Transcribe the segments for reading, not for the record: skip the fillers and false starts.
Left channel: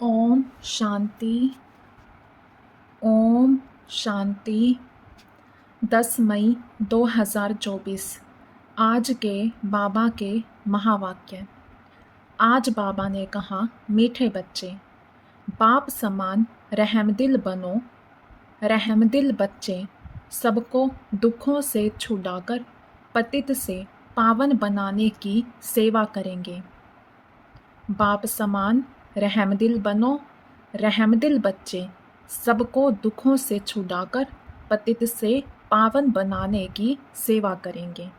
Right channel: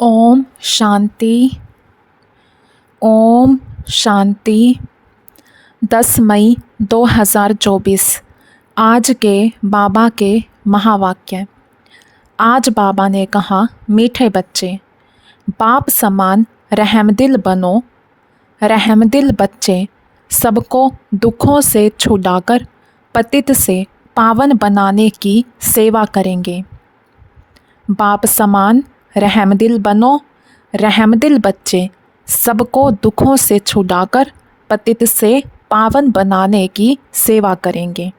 ओम शांति। ओम शांति। 10 मई 2024 आज के बाबा के महावाक्य। आज बाबा ने कहा, मीठे बच्चे, बाप समान रहमदिल बनो। रहमदिल बच्चे सबको दुखों से छुड़ाकर पतित से पावन बनाने की सेवा करेंगे। बाप समान रहमदिल बनो। रहमदिल बच्चे सबको दुखों से छुड़ाकर पतित से पावन बनाने की सेवा करेंगे।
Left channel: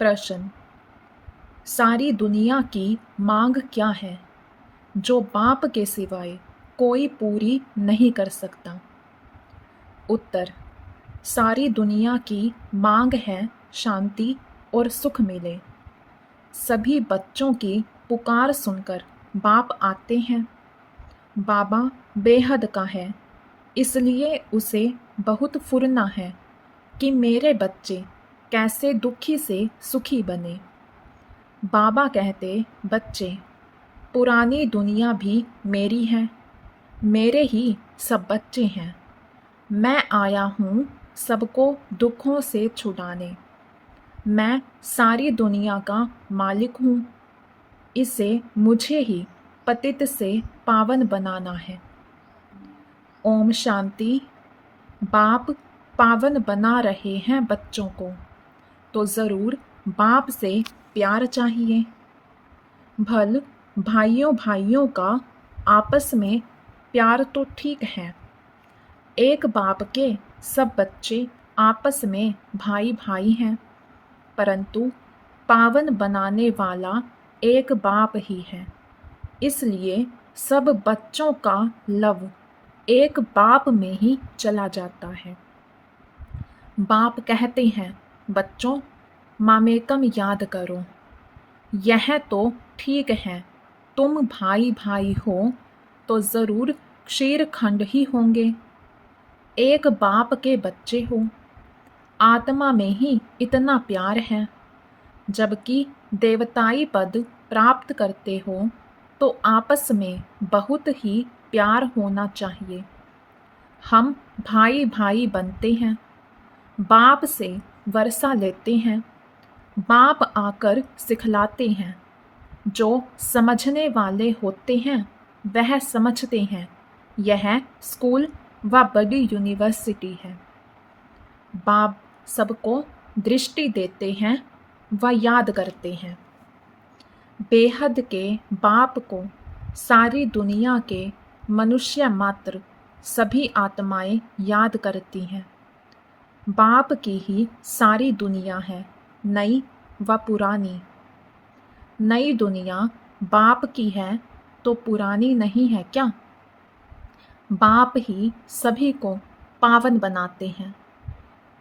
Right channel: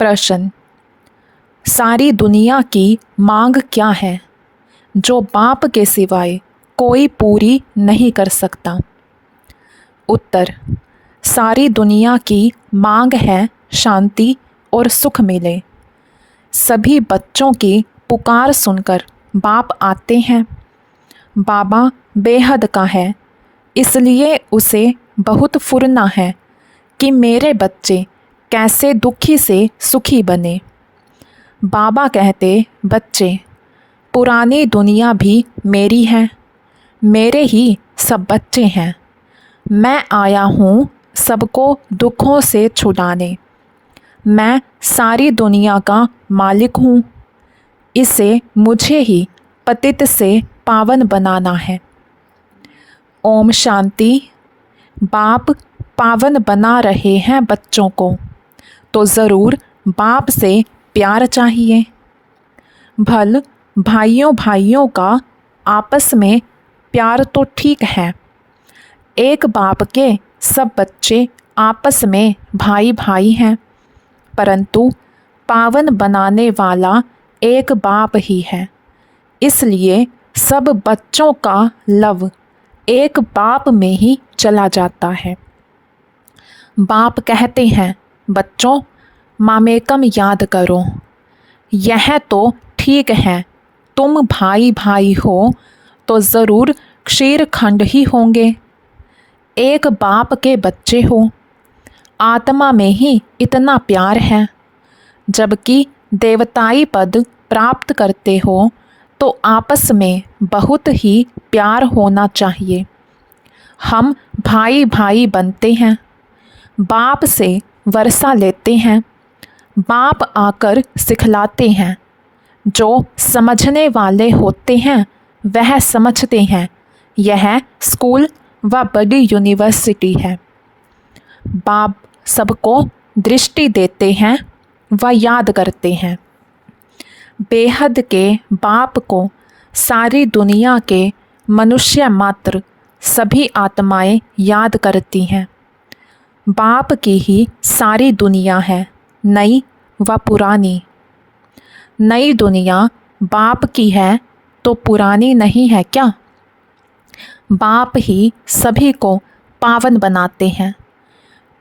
प्रश्न, सारी दुनिया की मांग क्या है जो बाप के सिवाय कोई पूरी नहीं कर सकता? उत्तर, सारी दुनिया की मांग है शांति और सुख मिले। सभी बच्चों की पुकार सुनकर बाप आते हैं। बाबा बेहद का है, इसलिए उसे बहुत फुरना है कि मेरे बच्चे कैसे दुखी से सुखी बने। बाबा कहते, बच्चे, पुरानी दुनिया भी मेरी है, मेरे ही सब बच्चे हैं। मैं आया हूँ सबको दुखों से छुड़ाने। मैं सारी दुनिया का मालिक हूँ। इसे मुझे ही पतित से पावन बनाना है। ओम शांति। बाप पावन बना रहे हैं बच्चों को, तो ज़रूर बाप से प्यार चाहिए। भल भाइयों भाइयों का आपस में प्यार तो ठीक है। एक बाप के सब बच्चे आपस में भाई भाई हैं, परंतु पावन बनाने वाला एक बाप ही है। इसलिए सब बच्चों का लव एक बाप में ही चला जाता है। बाप कहते हैं, बच्चों, मामेकम याद करो। यह तो ठीक है, तुम भाई भाई हो तो ज़रूर क्षीर खंड ही होंगे। एक बाप के बच्चे हो, आत्मा में ही इतना प्यार है। जबकि देवताई पद प्राप्त करते हो तो आपस में बहुत ही प्यार होना चाहिए। हम भाई भाई बनते हैं, बाप से वर्षा लेते हैं। बाप आकर सिखलाते हैं। जो समझने वाले होते हैं वह समझते हैं। यह स्कूल व बड़ी यूनिवर्सिटी है। बाप सबको दृष्टि देते हैं व याद करते हैं। बेहद के बाप को सारी दुनिया के मनुष्य मात्र सभी आत्माएं याद करती हैं। बाप की ही सारी दुनिया है, नई व पुरानी। नई दुनिया बाप की है तो पुरानी नहीं है क्या? बाप ही सभी को पावन बनाते हैं।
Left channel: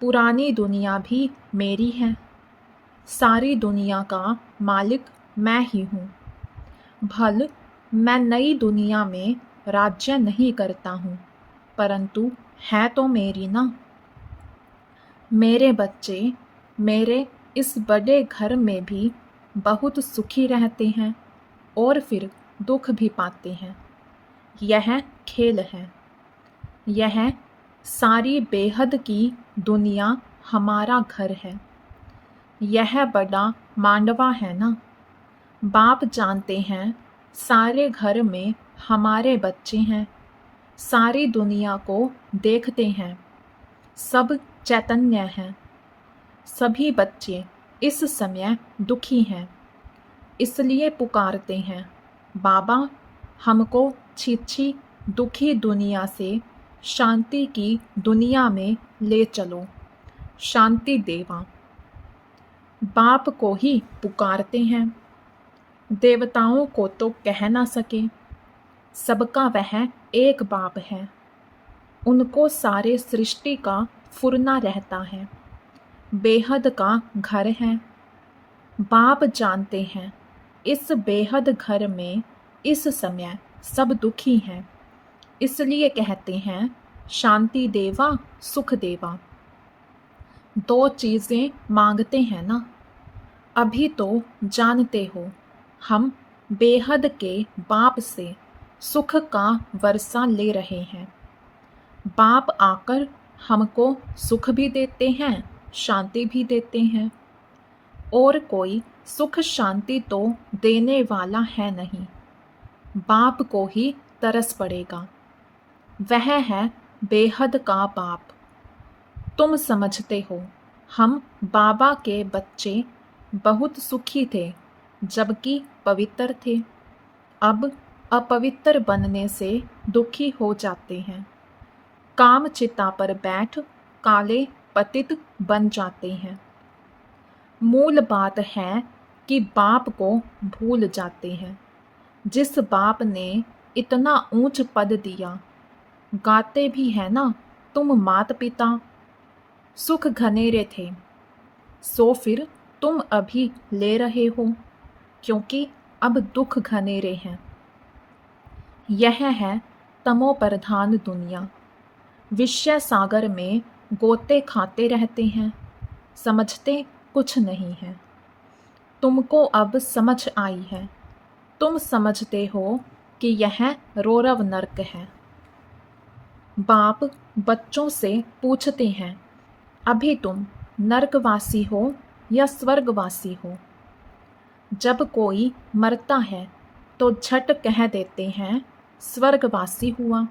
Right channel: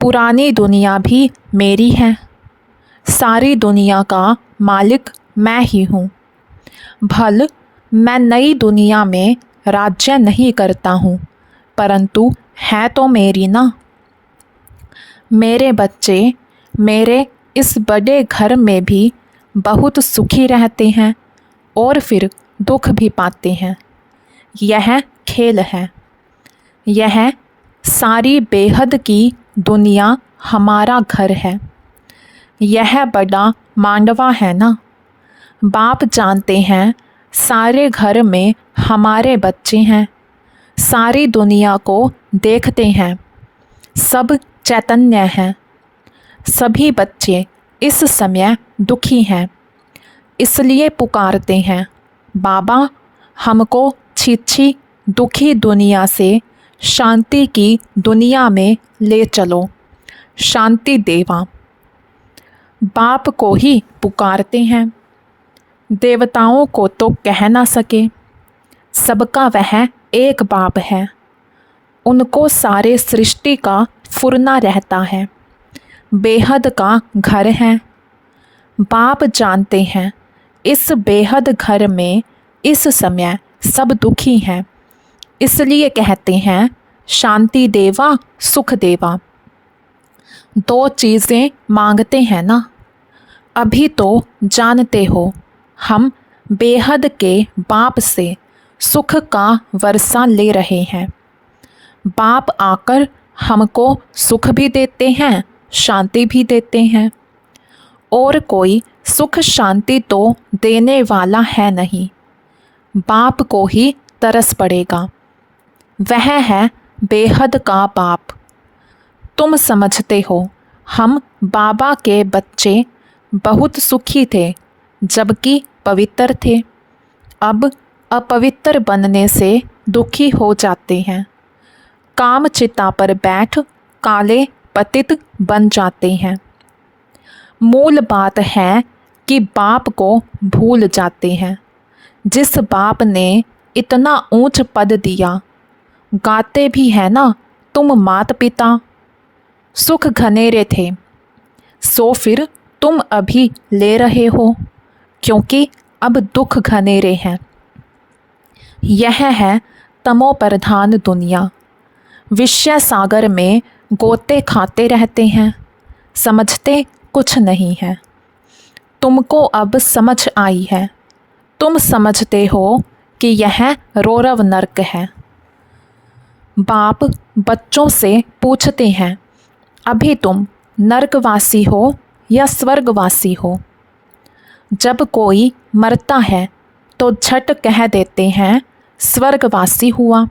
पुरानी दुनिया भी मेरी है। सारी दुनिया का मालिक मैं ही हूँ। भल मैं नई दुनिया में राज्य नहीं करता हूँ, परंतु है तो मेरी ना। मेरे बच्चे मेरे इस बड़े घर में भी बहुत सुखी रहते हैं और फिर दुख भी पाते हैं। यह खेल है। यह सारी बेहद की दुनिया हमारा घर है। यह बड़ा मांडवा है ना। बाप जानते हैं सारे घर में हमारे बच्चे हैं। सारी दुनिया को देखते हैं। सब चैतन्य हैं। सभी बच्चे इस समय दुखी हैं, इसलिए पुकारते हैं, बाबा, हमको छिछी दुखी दुनिया से शांति की दुनिया में ले चलो। शांति देवा। बाप को ही पुकारते हैं। देवताओं को तो कह ना सके। सबका वह एक बाप है। उनको सारे सृष्टि का फुरना रहता है। बेहद का घर है। बाप जानते हैं इस बेहद घर में इस समय सब दुखी हैं, इसलिए कहते हैं, शांति देवा, सुख देवा। दो चीज़ें मांगते हैं ना। अभी तो जानते हो हम बेहद के बाप से सुख का वर्षा ले रहे हैं। बाप आकर हमको सुख भी देते हैं, शांति भी देते हैं। और कोई सुख शांति तो देने वाला है नहीं, बाप को ही तरस पड़ेगा। वह है बेहद का बाप। तुम समझते हो हम बाबा के बच्चे बहुत सुखी थे जबकि पवित्र थे। अब अपवित्र बनने से दुखी हो जाते हैं। काम चिता पर बैठ काले पतित बन जाते हैं। मूल बात है कि बाप को भूल जाते हैं। जिस बाप ने इतना ऊंच पद दिया, गाते भी है ना तुम मात पिता। सुख घनेरे थे, सो फिर तुम अभी ले रहे हो, क्योंकि अब दुख घनेरे हैं। यह है तमो प्रधान दुनिया। विषय सागर में गोते खाते रहते हैं, समझते कुछ नहीं है। तुमको अब समझ आई है। तुम समझते हो कि यह रौरव नरक है। बाप बच्चों से पूछते हैं, अभी तुम नरकवासी हो या स्वर्गवासी हो। जब कोई मरता है तो झट कह देते हैं स्वर्गवासी हुआ,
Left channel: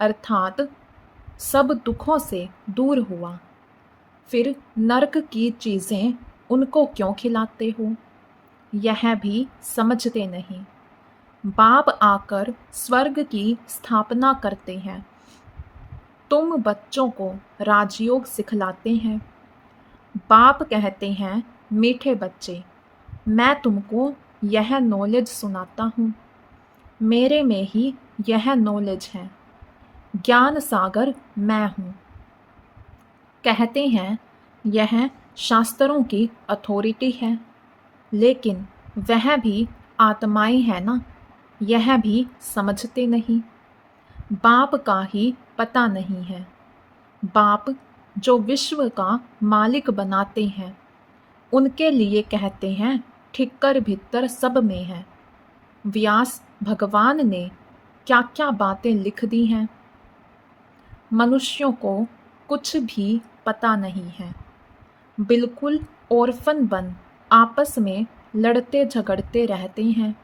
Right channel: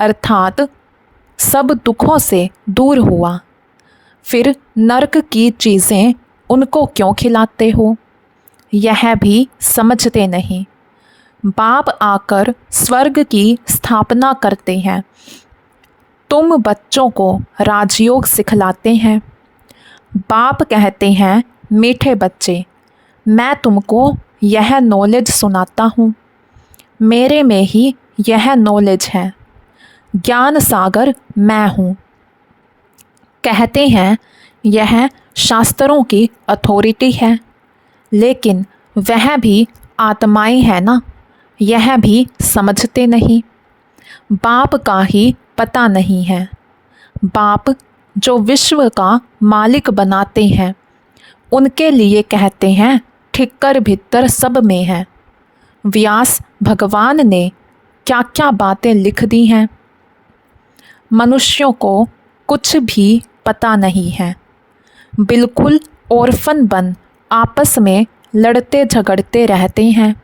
अर्थात सब दुखों से दूर हुआ। फिर नरक की चीज़ें उनको क्यों खिलाते हो, यह भी समझते नहीं। बाप आकर स्वर्ग की स्थापना करते हैं। तुम बच्चों को राजयोग सिखलाते हैं। बाप कहते हैं, मीठे बच्चे, मैं तुमको यह नॉलेज सुनाता हूँ। मेरे में ही यह नॉलेज है। ज्ञान सागर मैं हूँ। कहते हैं यह शास्त्रों की अथॉरिटी है, लेकिन वह भी आत्माएं है ना, यह भी समझते नहीं। बाप का ही पता नहीं है। बाप जो विश्व का मालिक बनाते हैं, उनके लिए कहते हैं ठिक्कर भीतर सब में है। व्यास भगवान ने क्या क्या बातें लिख दी हैं। मनुष्यों को कुछ भी पता नहीं है। बिल्कुल ऑर्फन बन आपस में लड़ते झगड़ते रहते हैं।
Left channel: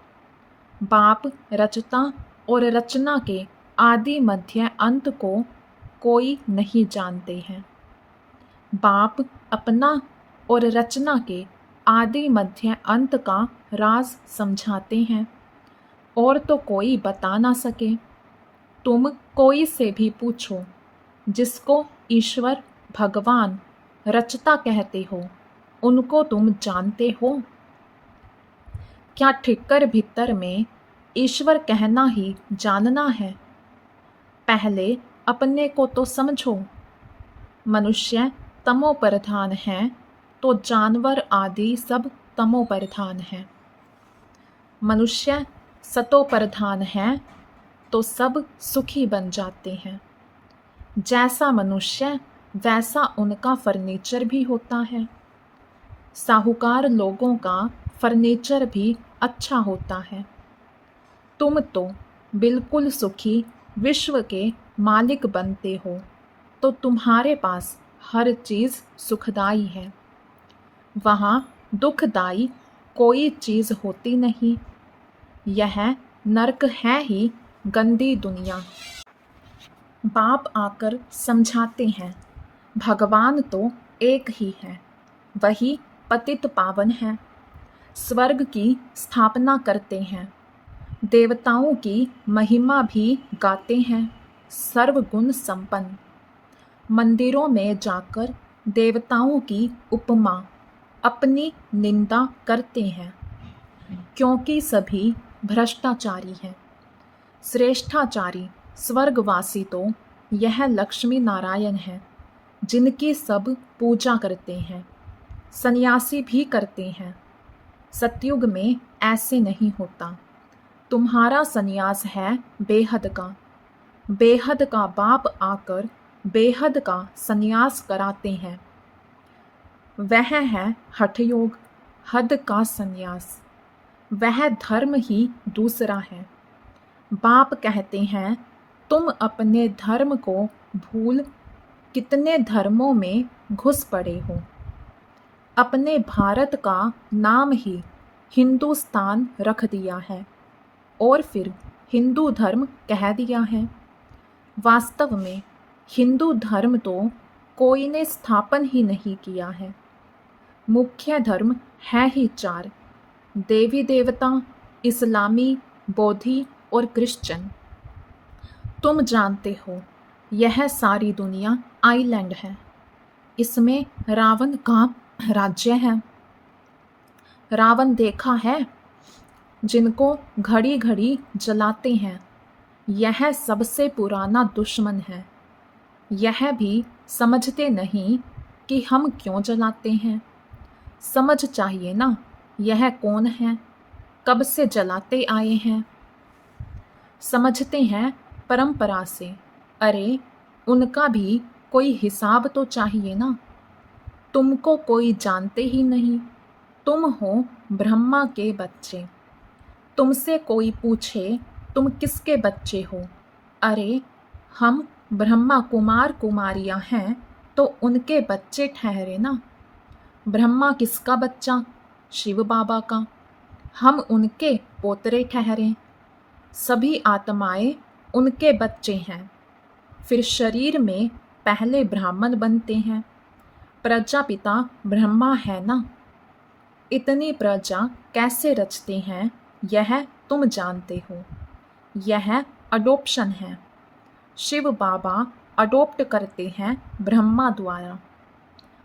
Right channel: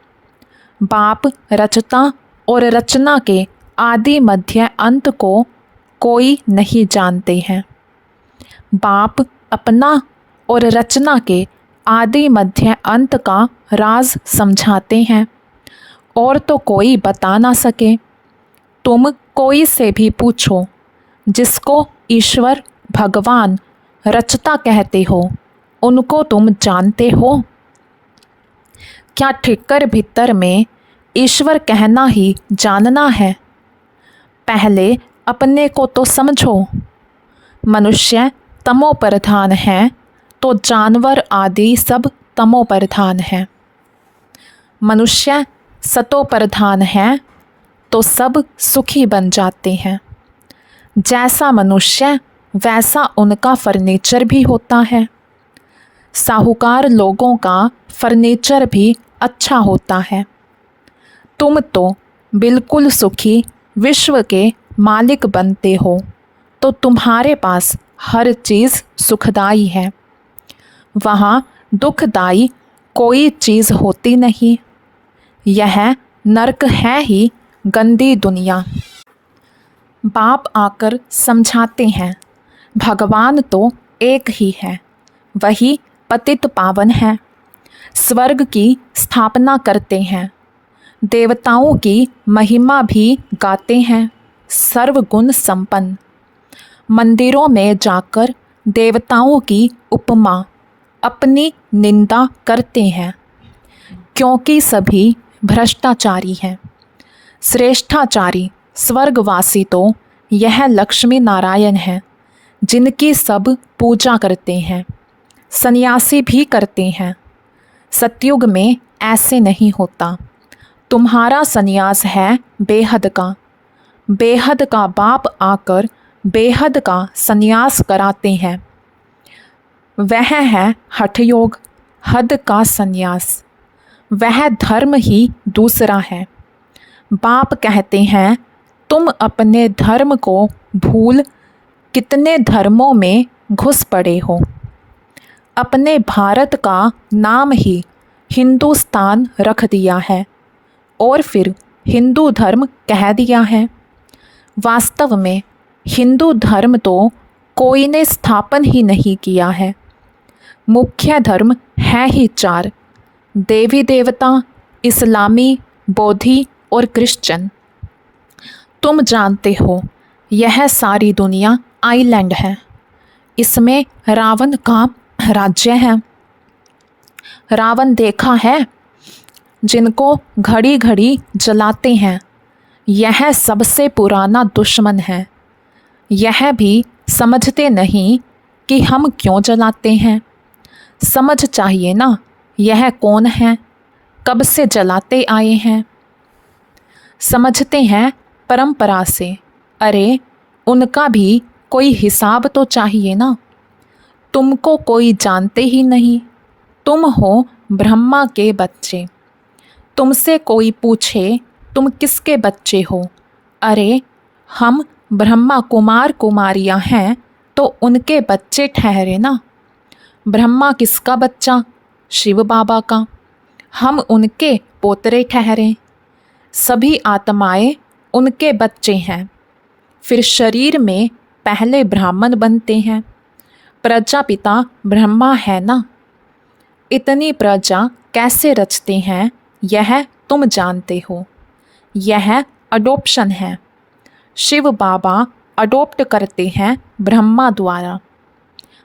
बाप रचता और रचना के आदि मध्य अंत को कोई नहीं जानते हैं। बाप अपना और रचना के आदि मध्य अंत का राज समझाते हैं, और तो कोई बता ना सके। तुम कोई से भी पूछो, जिसको ईश्वर भगवान रचता कहते हो, उनको तुम जानते हो? क्या ठिक्कर भीतर में ईश्वर कहना ही जानना है? पहले अपने को तो समझो। मनुष्य तमो प्रधान है तो जानवर आदि सब तमो प्रधान है। मनुष्य सतो प्रधान है तो सब सुखी बन जाते हैं। जैसा मनुष्य वैसा उनका फर्नीचर भी होता है। साहूकार लोगों का फर्नीचर भी अच्छा होता है। तुम तो बिल्कुल सुखी विश्व के मालिक बनते हो, तो तुम्हारे पास हर चीज़ सुखदाई है। वहाँ दुखदाई कोई चीज़ होती नहीं। यह नरक है ही गंदी दुनिया। बाप आकर समझाते हैं, भगवान तो एक ही है, वही पतित पावन है। स्वर्ग की स्थापना करते हैं, देवताओं की महिमा भी गाते हैं, सर्वगुण संपन्न। मंदिरों में जाकर देवताओं की उपमा अपनी निंदा करते हैं, क्योंकि सभी भ्रष्टाचारी हैं। श्रेष्ठाचारी स्वर्गवासी तो यह लक्ष्मी नारायण हैं, जिनकी सब पूजा करते हैं, सन्यासी भी करते हैं। सतयुग में ऐसे नहीं होता। तुम्हारा सन्यास है बेहद का। बेहद का बाप आकर बेहद का सन्यास कराते हैं। वह है हठयोग, हद का सन्यास। वह धर्म ही दूसरा है। बाप कहते हैं तुम अपने धर्म को भूल कितने धर्मों में घुस पड़े हो। अपने भारत का नाम ही हिंदुस्तान रख दिया है और फिर हिंदू धर्म कह दिया है। वास्तव में हिंदू धर्म तो कोई ने स्थापन ही नहीं किया है। मुख्य धर्म है ही चार, देवी देवता, इस्लामी, बौद्धि और क्रिश्चियन। तुम जानते हो यह सारी दुनिया आइलैंड है। इसमें रावण का राज्य है। रावण देखा है, जिनको घड़ी घड़ी जलाते हैं। यह सबसे पुराना दुश्मन है। यह भी समझते नहीं कि हम क्यों जलाते हैं। समझ चाहिए ना, यह कौन है, कब से जलाते आए हैं। समझते हैं परंपरा से। अरे उनका भी कोई हिसाब तो चाहिए ना। तुमको कोई जानते ही नहीं। तुम हो ब्रह्मा के बच्चे। तुमसे कोई पूछे तुम किसके बच्चे हो, अरे हम ब्रह्मा कुमार कुमारियाँ हैं तो उनके बच्चे ठहरे ना। ब्रह्मा किसका बच्चा, शिव बाबा का। हम उनके पोतरे ठहरे। सभी आत्माएं उनके बच्चे हैं। फिर शरीर में पहले ब्राह्मण बनते हैं। प्रजापिता ब्रह्मा है ना। इतनी प्रजा कैसे रचते हैं यह तुम जानते हो। यह अडोप्शन है। शिव बाबा अडोप्ट करते हैं ब्रह्मा द्वारा।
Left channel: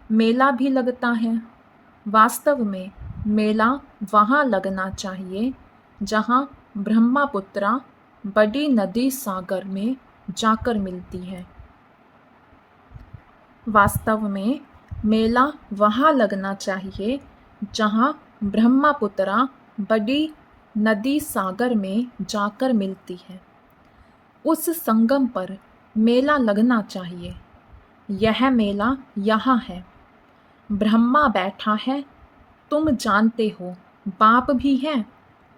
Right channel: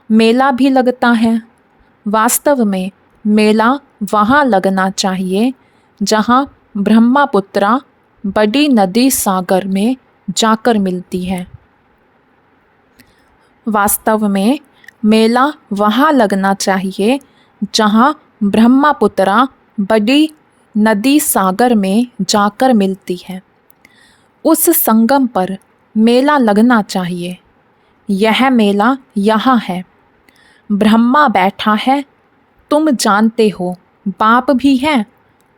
मेला भी लगता है। वास्तव में मेला वहाँ लगना चाहिए जहाँ ब्रह्मपुत्रा बड़ी नदी सागर में जाकर मिलती है। वास्तव में मेला वहाँ लगना चाहिए जहाँ ब्रह्मपुत्रा बड़ी नदी सागर में जाकर मिलती है। उस संगम पर मेला लगना चाहिए। यह मेला यहाँ है। ब्रह्मा बैठा है, तुम जानते हो। बाप भी है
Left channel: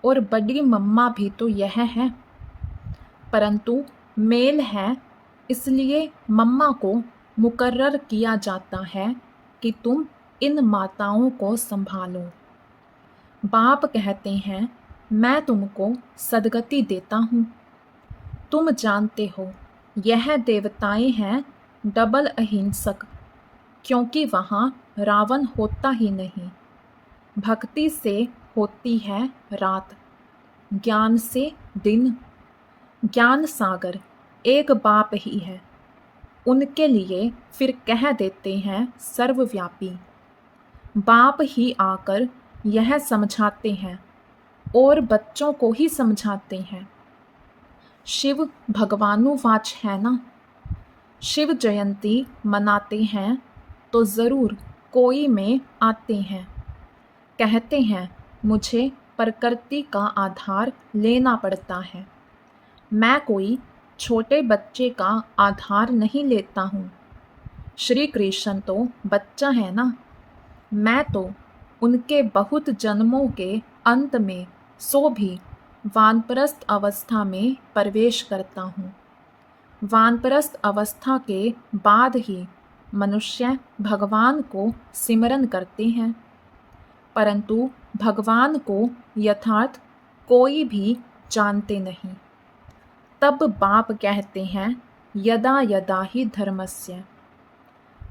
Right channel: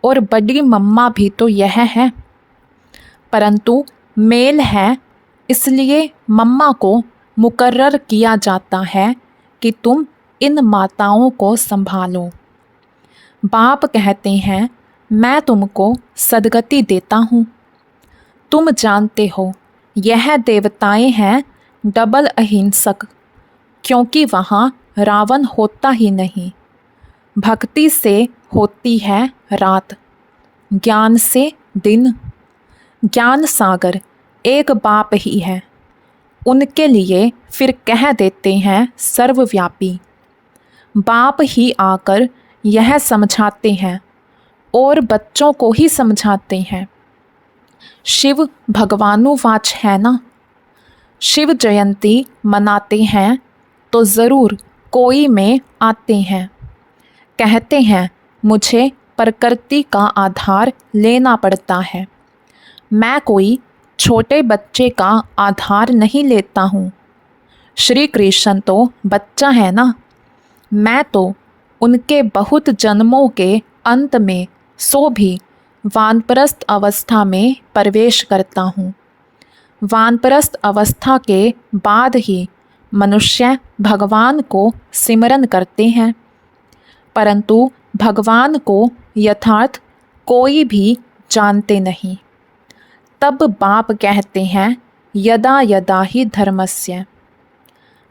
और बड़ी मम्मा भी तो यह है। परंतु मेल है, इसलिए मम्मा को मुकर्रर किया जाता है कि तुम इन माताओं को संभालो। बाप कहते हैं मैं तुमको सदगति देता हूँ। तुम जानते हो यह देवताएं हैं डबल अहिंसक, क्योंकि वहाँ रावण होता ही नहीं। भक्ति से होती है रात, ज्ञान से दिन। ज्ञान सागर एक बाप ही है। उनके लिए फिर कह देते हैं सर्वव्यापी। बाप ही आकर यह समझाते हैं और बच्चों को ही समझाते हैं। शिव भगवानुवाच है ना। शिव जयंती मनाते हैं तो ज़रूर कोई में आते हैं। कहते हैं मुझे प्रकृति का आधार लेना पड़ता है। मैं कोई छोटे बच्चे का आधार नहीं लेता हूँ। श्री कृष्ण तो बच्चा है ना। मैं तो उनके बहुत जन्मों के अंत में सो भी वानप्रस्थ अवस्था में प्रवेश करता हूँ। वानप्रस्थ अवस्था के बाद ही मनुष्य भगवान को सिमरन करते हैं, परंतु भगवान को यथार्थ कोई भी जानते नहीं। तब बाप कहते हैं यदा यदा ही धर्मस्य।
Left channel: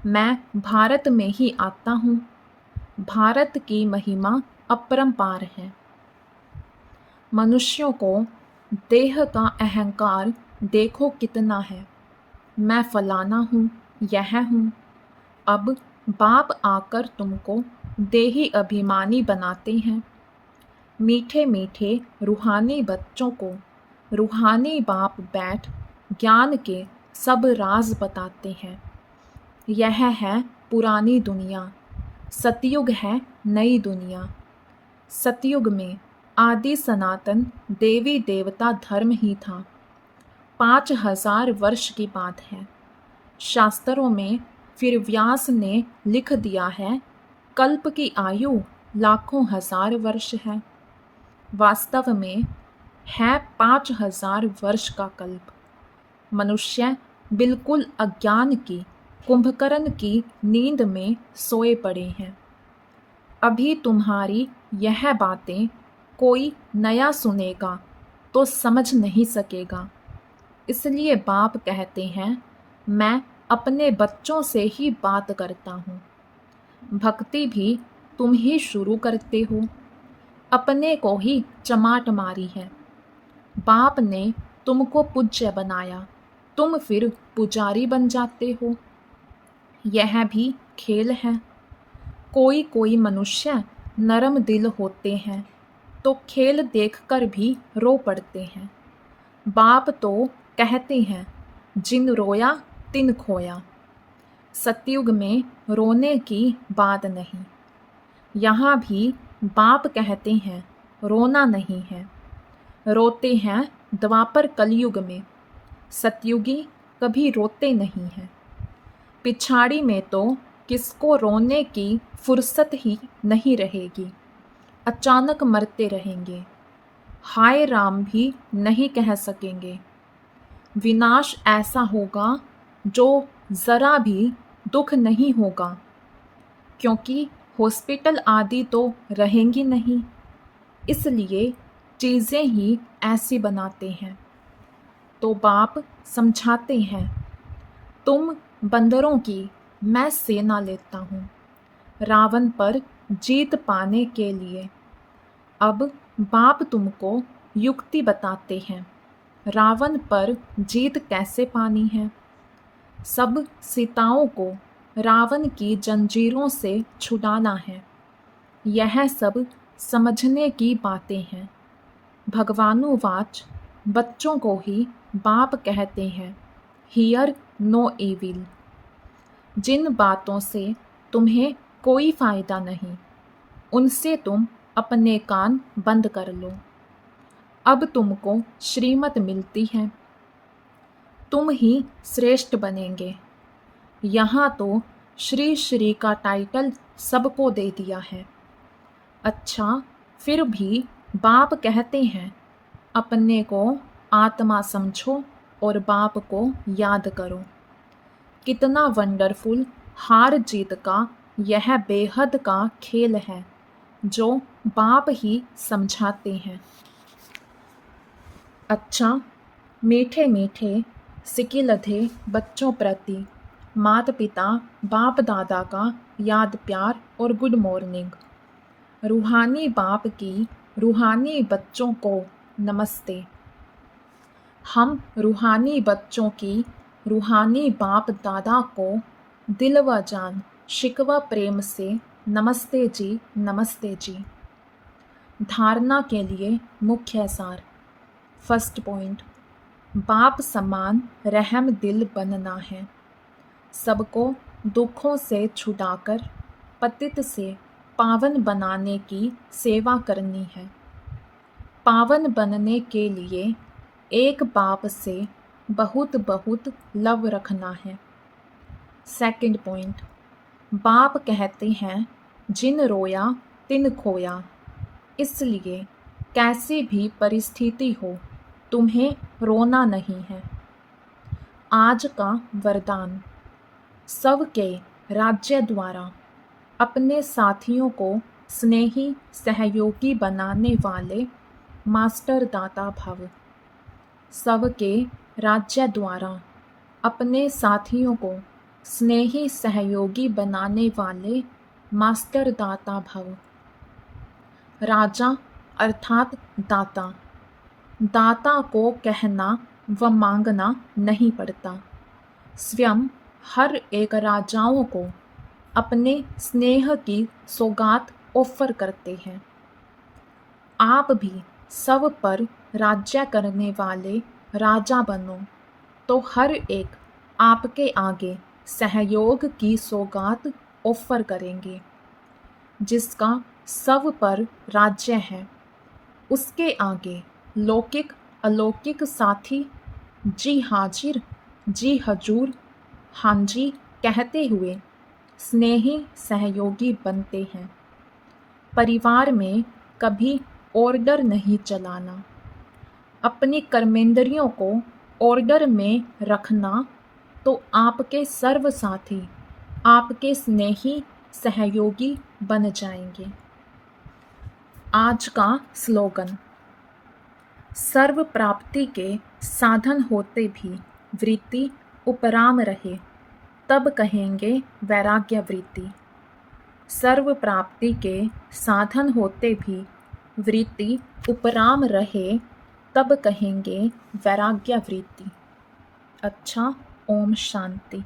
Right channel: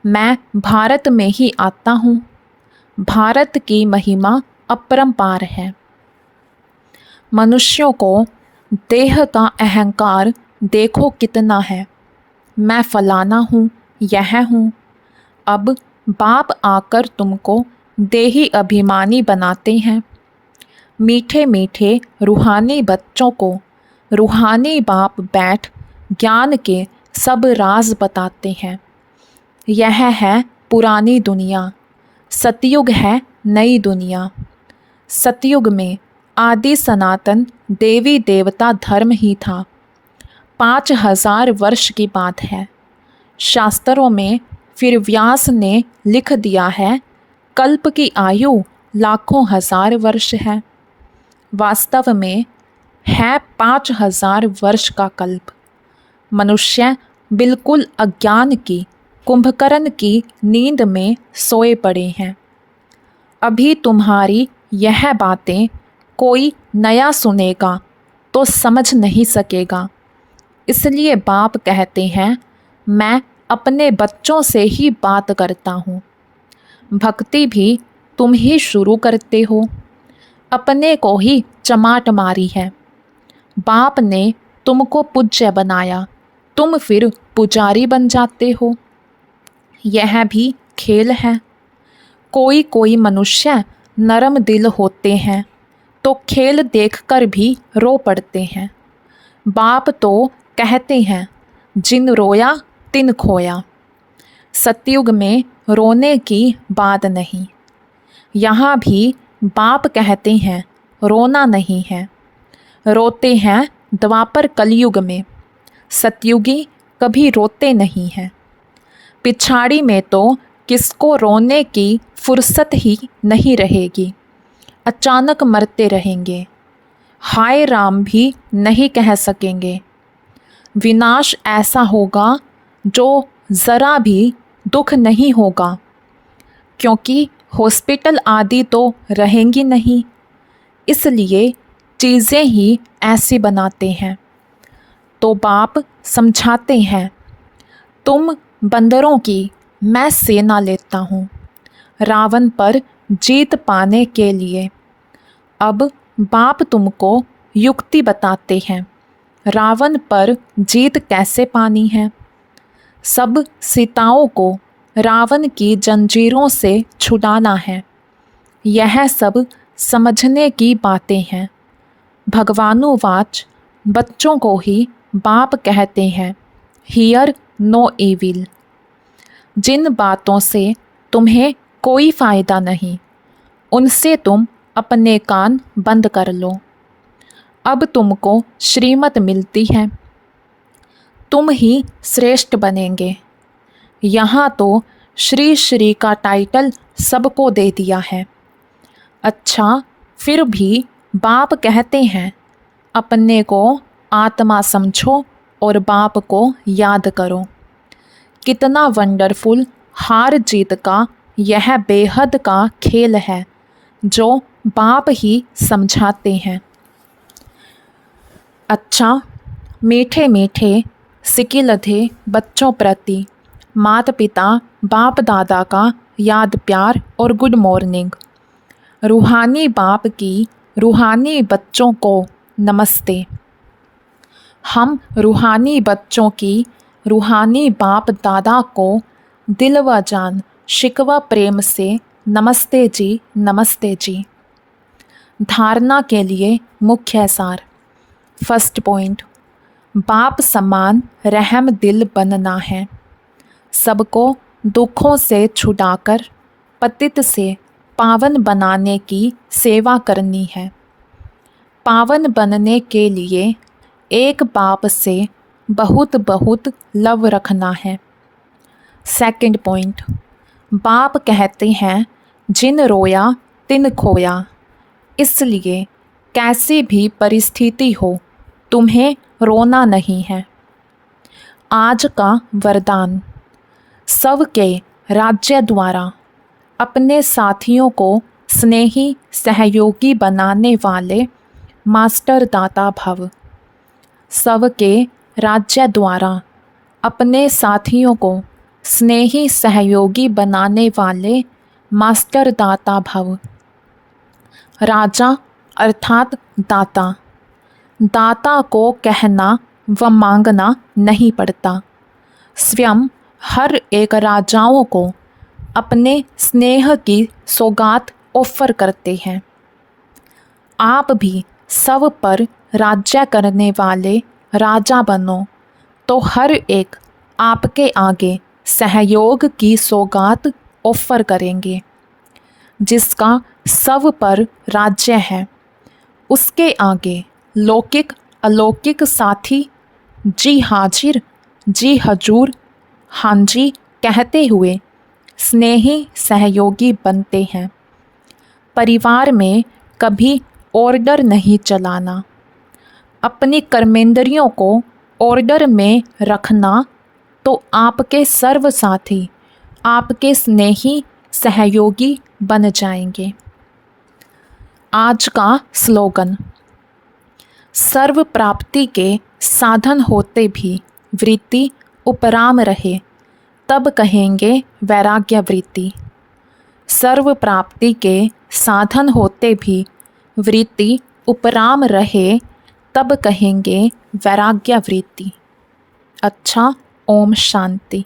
मैं भारत में ही आता हूँ। भारत की महिमा अपरंपार है। मनुष्यों को देह का अहंकार देखो कितना है। मैं फलाना हूँ, यह हूँ। अब बाप आकर तुमको देही अभिमानी बनाते हैं। मीठे मीठे रूहानी बच्चों को रूहानी बाप बैठ ज्ञान के सब राज बताते हैं। यह है पुरानी दुनिया, सतयुग है नई दुनिया। सतयुग में आदि सनातन देवी देवता धर्म ही था। 5000 वर्ष की बात है। शास्त्रों में फिर व्यास ने लिख दिया है कल्प की आयु लाखों हजार वर्ष है। वास्तव में है 5000 वर्ष का कल्प। मनुष्य बिल्कुल अज्ञान की कुंभकर्ण की नींद में सोए पड़े हैं। अभी तुम्हारी यह बातें कोई नया सुनेगा तो समझ नहीं सकेगा। इसलिए बाप कहते हैं, मैं अपने बच्चों से ही बात करता हूँ। भक्ति भी तुम ही शुरू करते हो, अपने को ही चमाट मारी है। बाप ने तुमको पूज्य बनाया, तुम फिर पुजारी बन जाते हो। यह भी खेल है। कोई कोई मनुष्य नरम दिल होते हैं तो खेल देखकर भी रो पड़ते हैं। बाप तो कहते हैं, जिन रोया तिन खोया। सतयुग में रोने की बात नहीं। यहाँ भी बाप कहते हैं, रोना नहीं है। रोते हैं द्वापर कलयुग में, सतयुगी कभी रोते नहीं हैं। पिछाड़ी में तो किसको रोने की फुर्सत ही नहीं रहेगी, अचानक मरते रहेंगे। हाय राम भी नहीं कह सकेंगे। विनाश ऐसा होगा जो ज़रा भी दुख नहीं होगा, क्योंकि हॉस्पिटल आदि तो रहेंगी नहीं। इसलिए चीज़ें ही ऐसी बनाते हैं। तो बाप समझाते हैं, तुम बंदरों की मैं सेना लेता हूँ रावण पर जीत पाने के लिए। अब बाप तुमको युक्ति बताते हैं, रावण पर जीत कैसे पानी है। सब सीताओं को रावण की जंजीरों से छुड़ाना है। यह सब समझने की बातें हैं। भगवानुवाच बच्चों को ही बाप कहते हैं, हियर नो एविल। जिन बातों से तुम्हें कोई फ़ायदा नहीं, उनसे तुम अपने कान बंद कर लो। अब तुमको श्रीमत मिलती है, तुम ही श्रेष्ठ बनेंगे। यहाँ तो श्री श्री का टाइटल सबको दे दिया है। अच्छा, फिर भी बाप कहते हैं, अपने को आत्मा समझो और बाप को याद करो। कितना वंडरफुल हार जीत का यह बेहद का खेल है जो बाप ही समझाते हैं। अच्छा, मीठे मीठे सिकिलधे बच्चों प्रति माता पिता बाप दादा का याद प्यार और गुड मॉर्निंग। रूहानी बाप की रूहानी बच्चों को नमस्ते। हम रूहानी बच्चों की रूहानी बाप दादा को दिल व जान शिकवा प्रेम से नमस्ते जी, नमस्ते जी। धारणा के लिए मुख्य सार। फर्स्ट पॉइंट, बाप समान रहम दिल बनना है। सबको दुखों से छुड़ाकर पतित से पावन बनाने की सेवा करनी है। पावन बनने के लिए एक बाप से बहुत बहुत लव रखना है। सेकंड पॉइंट, बाप कहते हैं, जिन रोया तिन खोया। इसलिए कैसी भी परिस्थिति हो, तुम्हें रोना नहीं है। आज का वरदान, सबके राज्य द्वारा अपने साथियों को स्नेही सहयोगी बनाने वाले मास्टर दाता भव। सबके राज्य द्वारा अपने साथियों को स्नेही सहयोगी बनाने वाले मास्टर दाता भव। राजा अर्थात दाता। दाता को कहना व मांगना नहीं पड़ता। स्वयं हर एक राजाओं को अपने स्नेह की सौगात ऑफर करते हैं। आप भी सब पर राज्य करने वाले राजा बनो तो हर एक आपके आगे सहयोग की सौगात ऑफर करेंगे। जिसका सब पर राज्य है, उसके आगे लौकिक अलौकिक साथी जी हाजिर जी हजूर हाँ जी कहते हुए स्नेही सहयोगी बनते हैं। परिवार में कभी ऑर्डर नहीं चलाना, अपनी कर्मेंद्रियों को ऑर्डर में रखना तो आपके सर्व साथी आपके स्नेही सहयोगी बन जाएंगे। आज का स्लोगन। सर्व प्राप्ति के साधन होते भी वृत्ति उपराम रहे तब कहेंगे वैराग्य वृत्ति। सर्व प्राप्ति के साधन होते भी वृत्ति उपराम रहे तब कहेंगे वैराग्य वृत्ति। अच्छा, ओम शांति।